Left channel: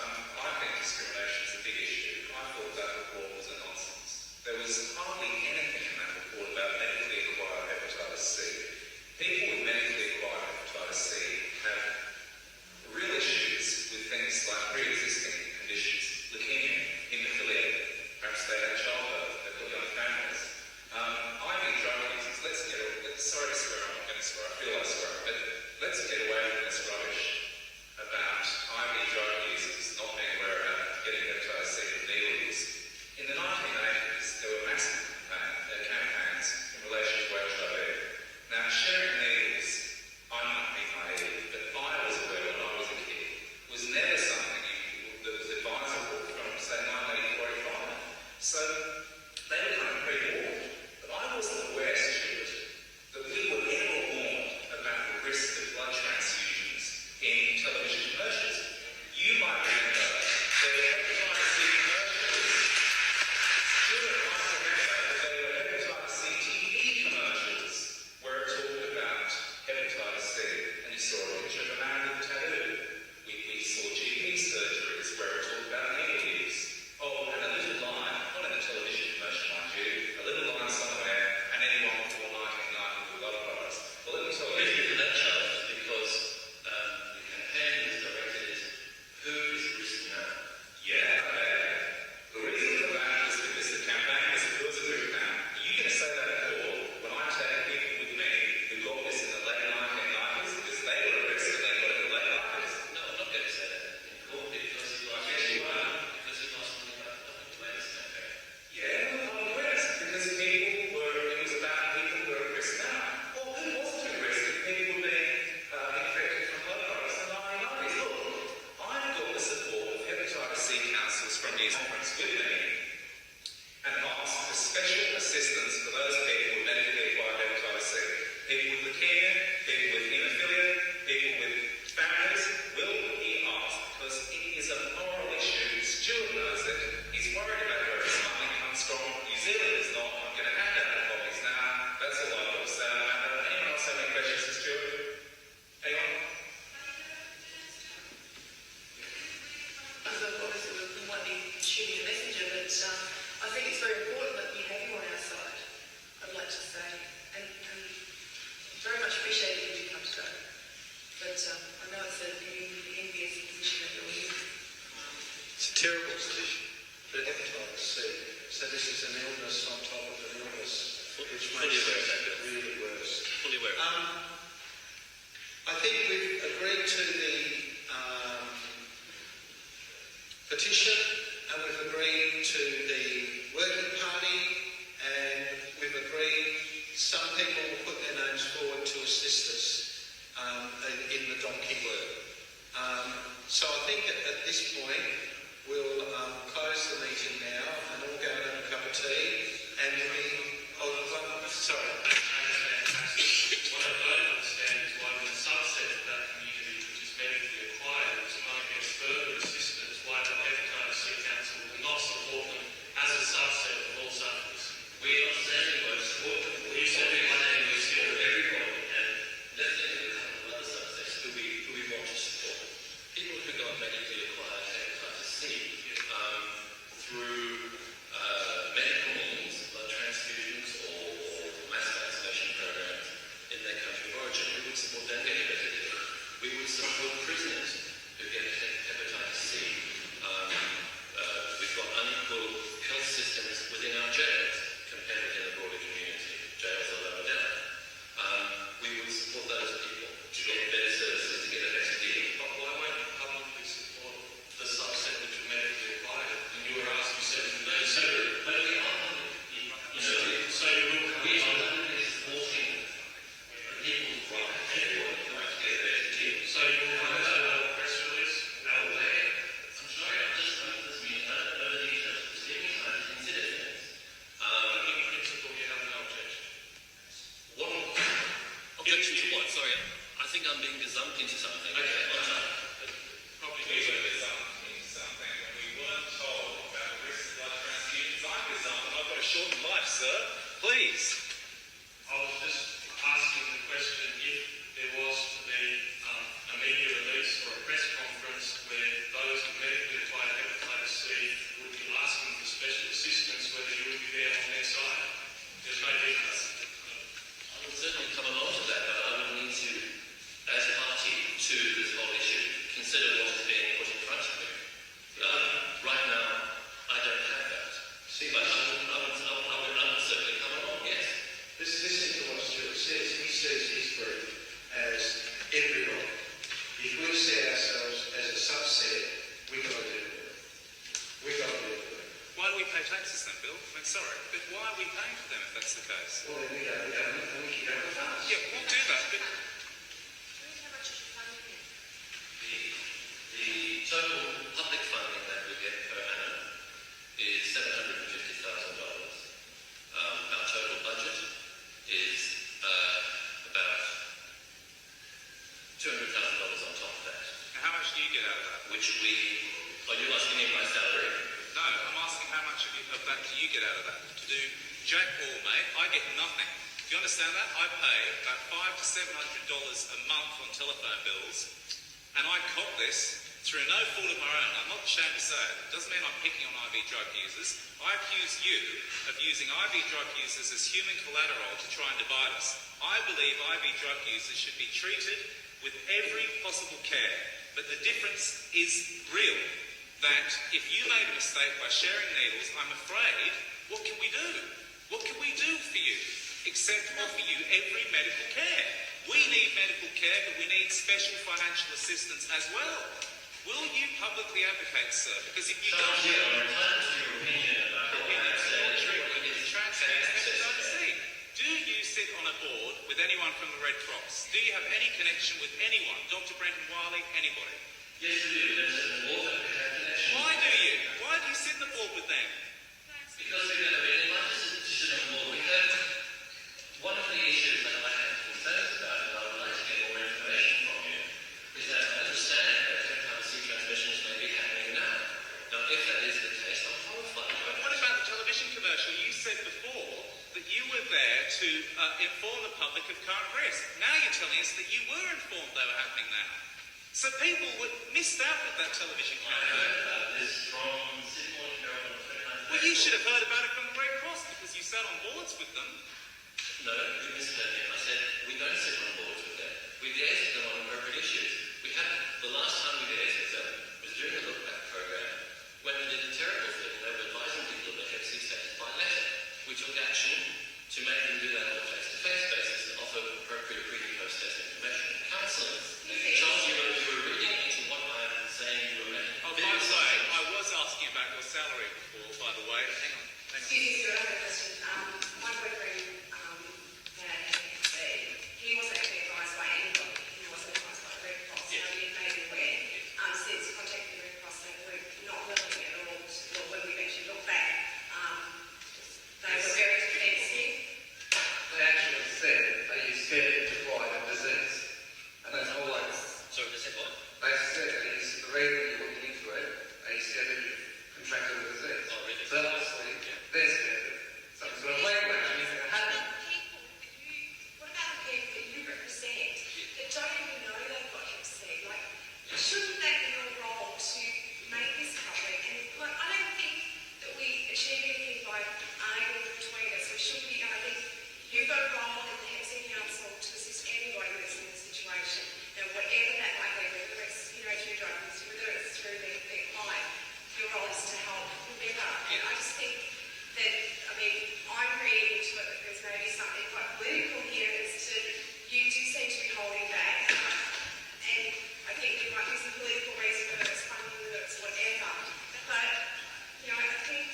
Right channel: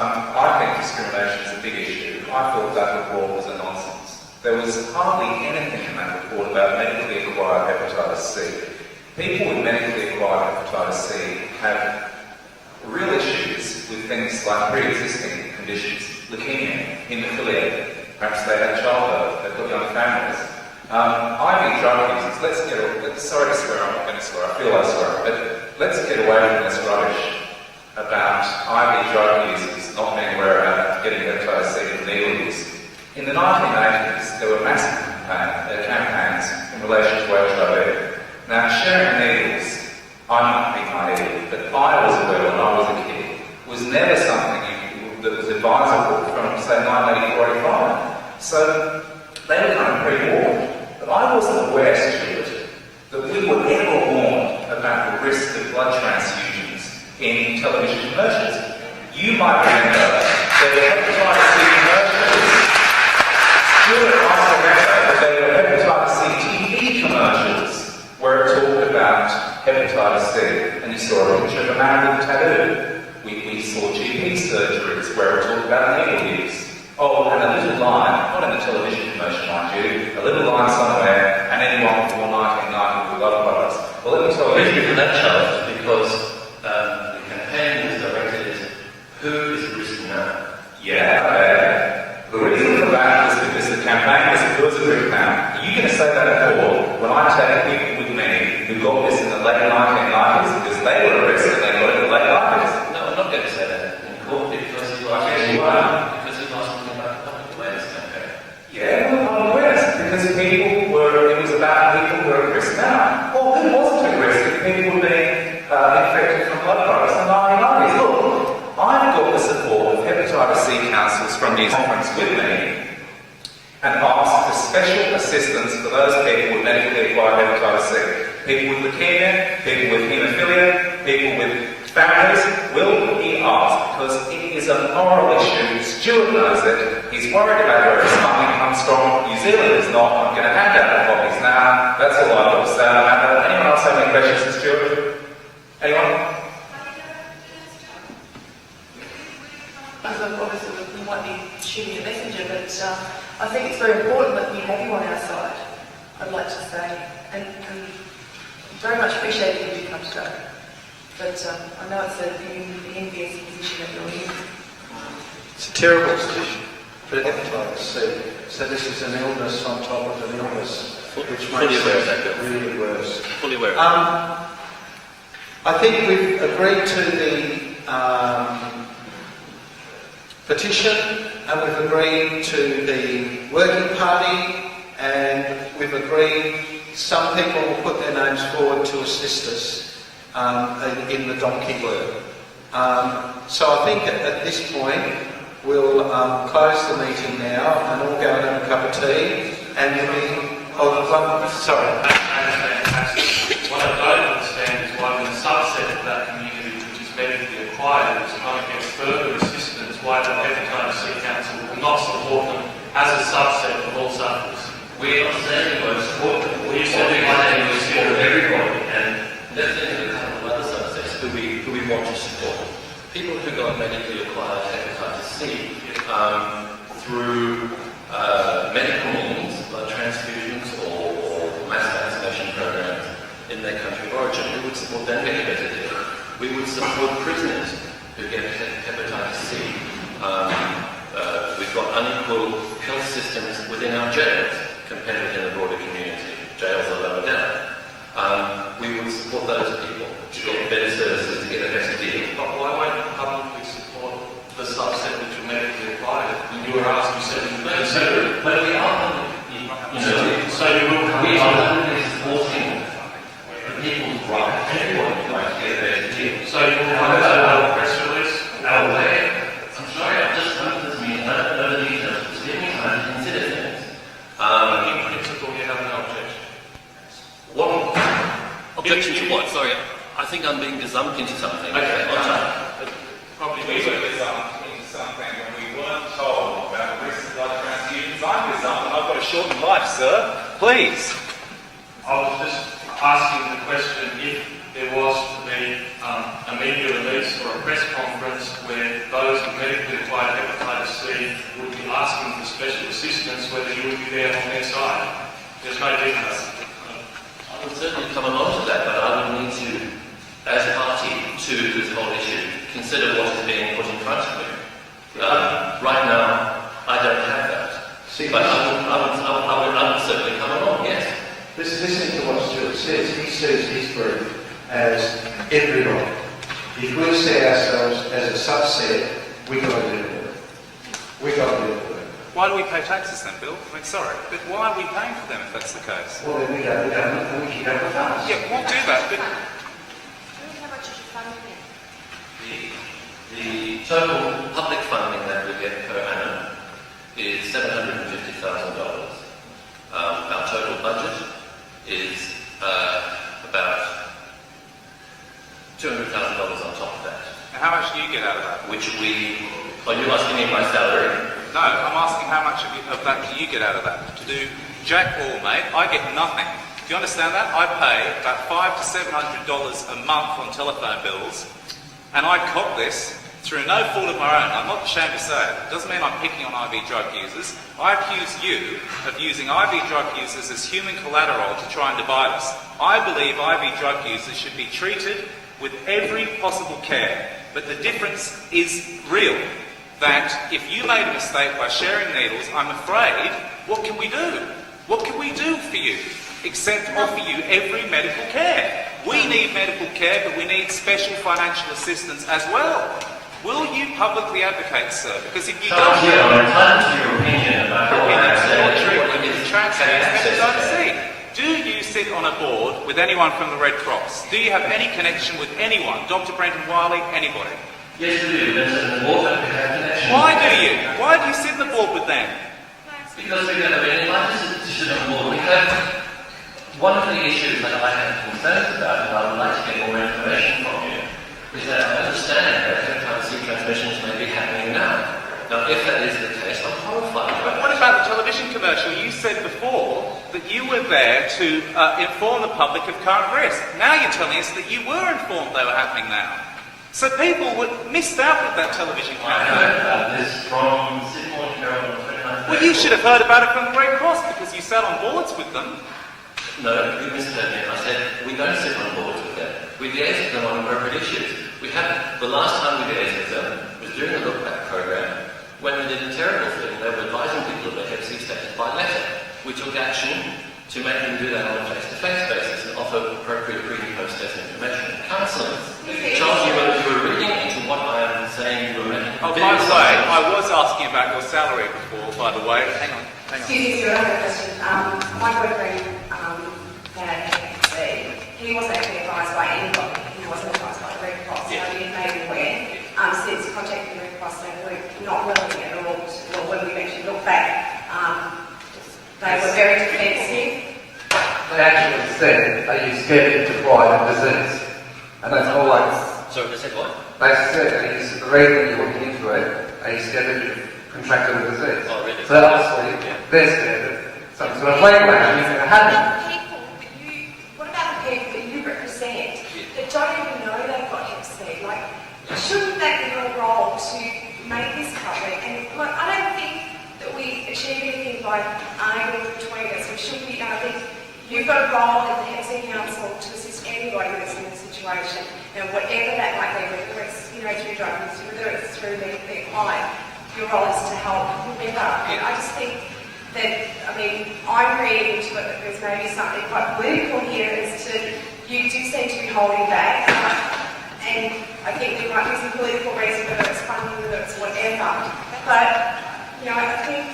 I think discrimination is a big issue. I thought that report was a nonsense. There was hardly anything in that report about medically acquired hepatitis C. People with medically acquired hepatitis C have real issues with things like pre-existing conditions, leukemia, haemophilia, perhaps they had childbirth, they've got young families. IV drug users, sorry to swear, I'm not going to swear, I feel like swearing, but let's get away from this rubbish about IV drug users not being aware about getting hepatitis C from needle use. In the 1980s, there were massive campaigns in relation to HIV. Now, sharing needles, I might be naive, but I was aware when I was a kid, was never something that was advisable from, say, 1984, 85. So, they were kind of pre-warned. But I wasn't aware, Stuart, that we were ever warned about the risk of blood transfusions in television commercials. You might remember there were hepatitis C commercials. Stuart might remember that there were hepatitis C TV commercials where it talked about hepatitis C, and you saw a picture of a man with a tattoo. We saw GP surgeries where it talked about needle use. Oh, and a little line, not in the television commercial, mind you, a little line somewhere, and anyone before 1990 with other products. Well, let me tell you. Thank you for that, Charles, because the campaign was directed at who is the risk now? Yeah. The reason for that was because the campaign was a group now. Are you going to say that at all when I take people with me who got this in the late 1990s because they were at risk and they got it in the late 90s? No, I'm not going to say that in court because you are. Yeah, well, awareness, because it was about people who were at risk now. Well, who wasn't at risk if people were being infected from blood products in the 1990s? Look, I've got the support of Hepatitis C Councils from New Conference with me and asked for special assistance for those people with medically acquired hepatitis C. People with leukemia, people with haemophilia, people with families will be asked because it is a moral issue. Stuart knows it. He's worried about where his funding comes from. New Zealand is not. I'm going to hand out the copies now. That's all I've got to say about that. Anyone else have any questions for Stuart? Anyone? Obviously, we might be shooting a messenger, but I think it's very important that we have you on our side, I'd like to say. And very much appreciate it if you come today. But I know it's an envious position that you're in. It's a terrible position for hepatitis C. So this is an illness on top of an illness, which makes it really worse. Fully aware. I think we've agreed to the petition, and we've agreed to the working party, and we've agreed some people will put their names forward to assist us in the donkey work. So I think at this point we'll close the meeting now and all go and have a cup of tea and sorry. What I don't understand is why when a subset of that community which is medically acquired is trying to get further assistance, why the Hepatitis C Council will not support them as a subset of all sufferers. We're not saying we're support them. We're saying we're support everybody, and definitely a couple of other subsets who we want to support. People who got medically acquired hepatitis C through medical means, blood transfusions or mass vaccination programs in their country of origin. We would support them getting better deal. We would support prisoners who get hepatitis C. We've got unequal health systems within our jails compared with the broader community. Jails are lower down. We would support those people to get better services, to get a better deal. But why won't you publicly support the subset which are medically acquired? When you were asked, you said you may. But we are So you will come. We are publicly supporting the people's right. Everybody would like to get a better deal. So you will come out a press release? Our way. I'm sorry, I've just come to this meeting. I don't know the details. Just give me time to consider things. In principle, you have no objection. What? Objection to what? Sorry, I think I'm being gazumped into something. Okay, Probably we were gazumped into something when we weren't told about the risk of blood transfusions. I'm gazumped and I've got a shortened life, sir. Please. I was just asking the question if there was to be a media release or a press conference where those with medically be there on their side. There's no difference. I would certainly come along to that, but I would need to, as a party to this whole issue, consider what is being put in front of me. Right now, I don't have that. But I would certainly come along, yes. Listening to what Stuart says, he sees his group as everybody. If we see ourselves as a subset, we've got to do it. We've got to do it. Why do we pay taxes then, Bill? I mean, sorry, but why are we paying for them if that's the case? Well, then we go to the government and we keep up with us. Yeah, we'll do that, but How much is your funding? The total public funding that we get per annum is $750,000. Our total budget is about $200,000 on top of that. now how much do you get out of that? Are you asking me my salary? No, I'm asking how much of that do you get out of that? To do jack all, mate, I get nothing. Do you understand that? I pay about $500 to $700 a month on telephone bills, and I cop this through no fault of my own. I'm not ashamed to say it. It doesn't mean I'm picking on IV drug users. I accuse you of using IV drug users as human collateral to try and divide us. I believe IV drug users should be treated with every possible care, but the difference is real. That if you made a mistake by sharing needles, I'm afraid, what can we do? What can we do for you? Except offer you every medical care. We need medical care, but we need special financial assistance as well. Will you publicly advocate, sir? Because if you don't... I'm entitled to your opinion about what I'm saying. Hepatitis C. Do you sit on a board with anyone from the Red Cross? Do you have any connection with anyone? Dr. Brendan Wiley, anybody? Yes, we do. There's an board that we have connection. Why do you? Why do you sit on the board with them? Because we don't have any participation on board. We have one of the issues that I have concerns about, and I would like to get more information from you, is that I understand that hepatitis C transmissions may be happening now. Now, if that is the case, I'm horrified. But what about the television commercial? You said before that you were there to inform the public of current risk. Now you're telling us that you were informed they were happening now. So people missed out with that television I campaign. heard about this from Sydney Herald on 29th. Well, you should have heard about it from the Red Cross because you sat on boards with them. No, you misheard me. I said we don't sit on boards with them. We liaise with them on appropriate issues. We haven't. The last time we liaised with them was during the Look Back program when we did a terrible thing. They were advising people of their Hep C status by letter. We took action to make them do that on a face-to-face basis and offer appropriate pre- and post-test information and counselling. Charles, you were reading into what I am saying. You were making. Oh, by the way, I was asking about your salary before, by the way. Hang on. Excuse me, I have a question. My boyfriend had Hep C. He wasn't actually advised by anybody. He wasn't advised by the Red Cross. So he made me aware. Since contacting the Red Cross, they were not willing at all. Well, when we actually look back, they were very defensive. They actually said, are you scared to try the disease? And that's all I... Sorry, they said what? They said, is the reason you're looking into it, are you scared that you've contracted a disease? Oh, really? So obviously, they're scared that some sort of backlash is going to happen. What about the people that you represent that don't even know they've got Hep C? Like, shouldn't that be your role to make this public? And like, I don't think that we achieve anything by arguing between us. We should be, I think you've got a role in the Hep C Council to assist anybody that's in this situation, and whatever that might be, whether it's through drug use, whether it's through their client, your role is to help whoever. And I just think that, I'm reading into it that there's maybe something quite political here as to, you do seem to be holding back, and I think there might be some political reason, whether it's funding, whether it's whatever, but, I think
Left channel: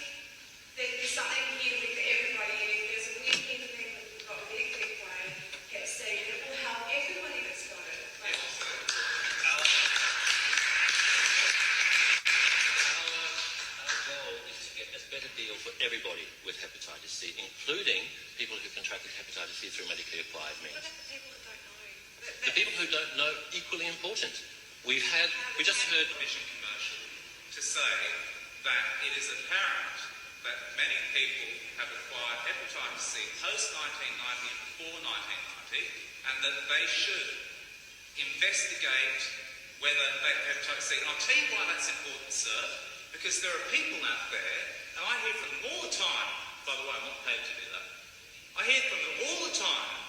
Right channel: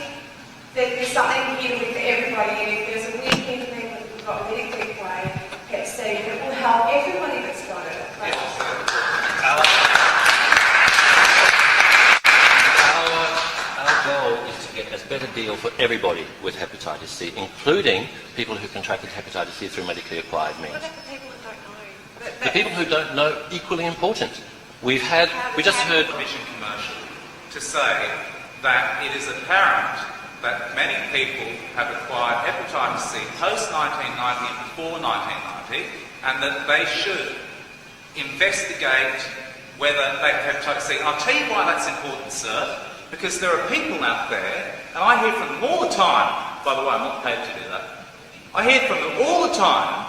that there's something here with everybody, and if there's a weird thing for people who've got medically acquired Hep C, that will help everybody that's got it. Our goal is to get a better deal for everybody with hepatitis C, including people who contracted hepatitis C through medically acquired means. What about the people that don't know? The people who don't know, equally important. We just heard Television commercial to say that it is apparent that many people have acquired hepatitis C post-1990 and before 1990, and that they should investigate whether they have hepatitis C. And I'll tell you why that's important, sir, because there are people out there, and I hear from them all the time, by the way, I'm not paid to do that. I hear from them all the time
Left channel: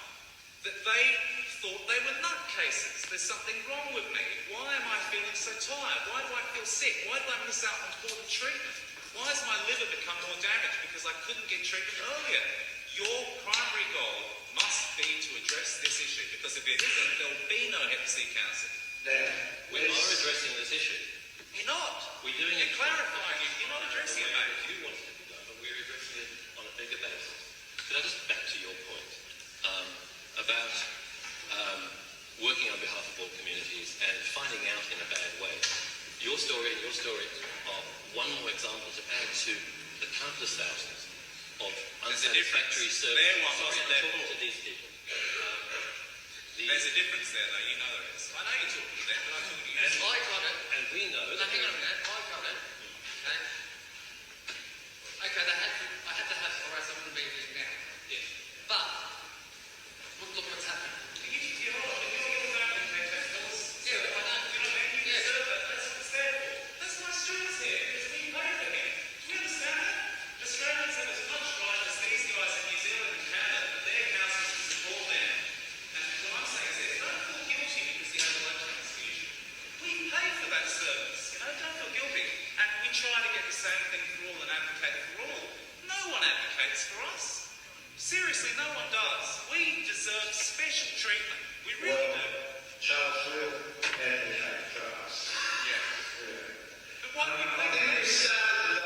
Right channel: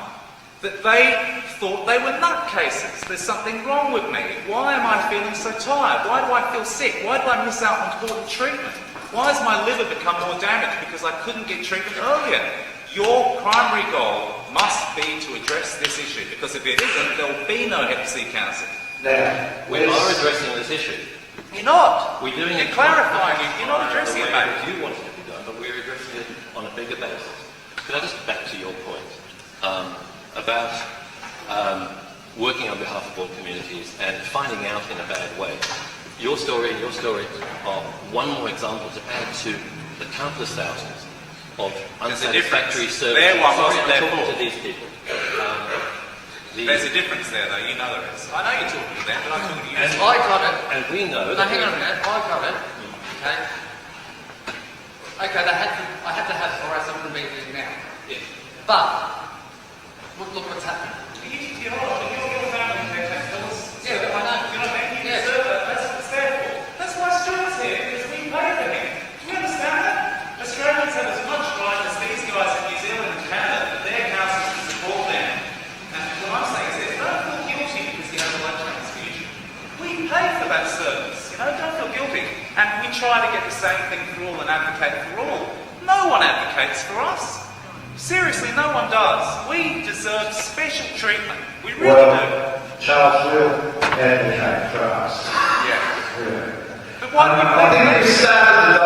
that they thought they were nutcases. There's something wrong with me. Why am I feeling so tired? Why do I feel sick? Why did I miss out on important treatment? Why has my liver become more damaged because I couldn't get treatment earlier? Your primary goal must be to address this issue, because if it isn't, there will be no Hep C Council. We are addressing this issue. You're not. We're doing You're clarifying it. You're not addressing it, mate. You want it to be done, but we're addressing it on a bigger basis. Can I just back to your point about working on behalf of all communities and finding out in a bad way? Your story and your story are one more example to add to the countless thousands of unsatisfactory services. Their one wasn't I'm their talking fault. to these people. There's a difference there, though. You know there is. I know you're talking to them, but I'm talking to you. And I got it, and we know. Now, hang on a minute. I got it. Okay. Okay. I had to have it, or else I wouldn't be here now. Yeah. But look what's happening. You're family care tax dollars. Yeah, but I know. You know what I mean? You Yeah. deserve that. That's what it's there for. That's why Stuart's here, because we pay for him. Do you understand that? Australians have as much right as these guys in New Zealand and Canada that their councils can support them. And what I'm saying is this, don't feel guilty because you have a blood transfusion. We pay for that service, you know, don't feel guilty. And we try to get the same thing for all and advocate for all. No one advocates for us. Seriously, no one does. We deserve special treatment. We really do. Charles will advocate for us. Yeah. Really. But why do I think we started,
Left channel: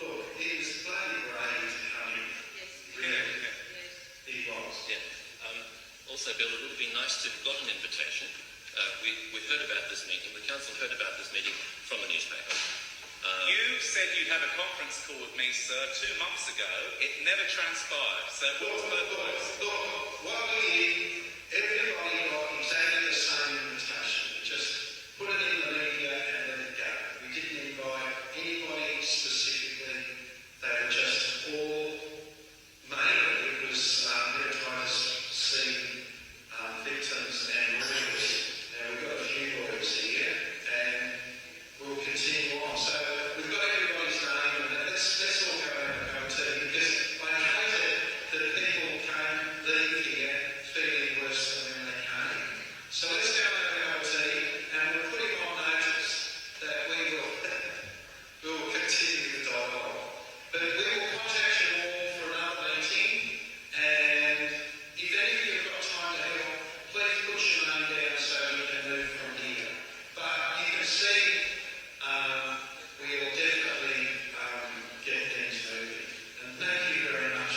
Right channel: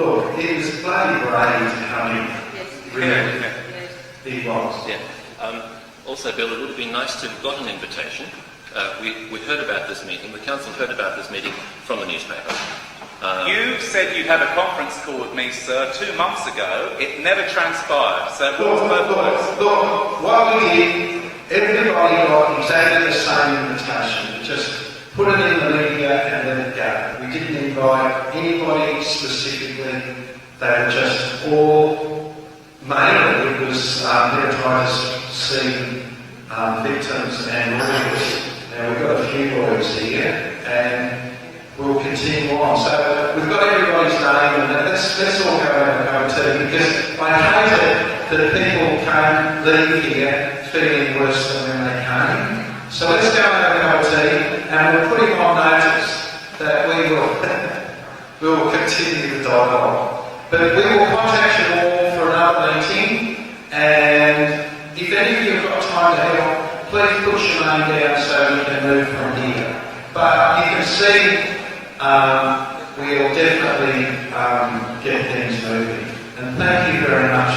look, it was bloody brave to come in. Really. It was. Yeah. Also, Bill, it would have been nice to have got an invitation. We heard about this meeting. The council heard about this meeting from the newspaper. You said you had a conference call with me, sir, 2 months ago. It never transpired. So Look, what we did, everybody got exactly the same invitation. Just put it in the media and let it go. We didn't invite anybody specifically. They were just all, mainly it was Hepatitis C victims and lawyers. Now we've got a few lawyers here, and we'll continue on. So we've got everybody's name, and let's all go and have a tea, because I hate it that people can't leave here feeling worse than when they came. So let's go and have a cup of tea, and we'll put him on notice that we will continue the dialogue. But we will contact you all for another meeting, and if any of you have got time to help, please put your name down so we can move from here. But you can see we'll definitely get things moving. And thank you very much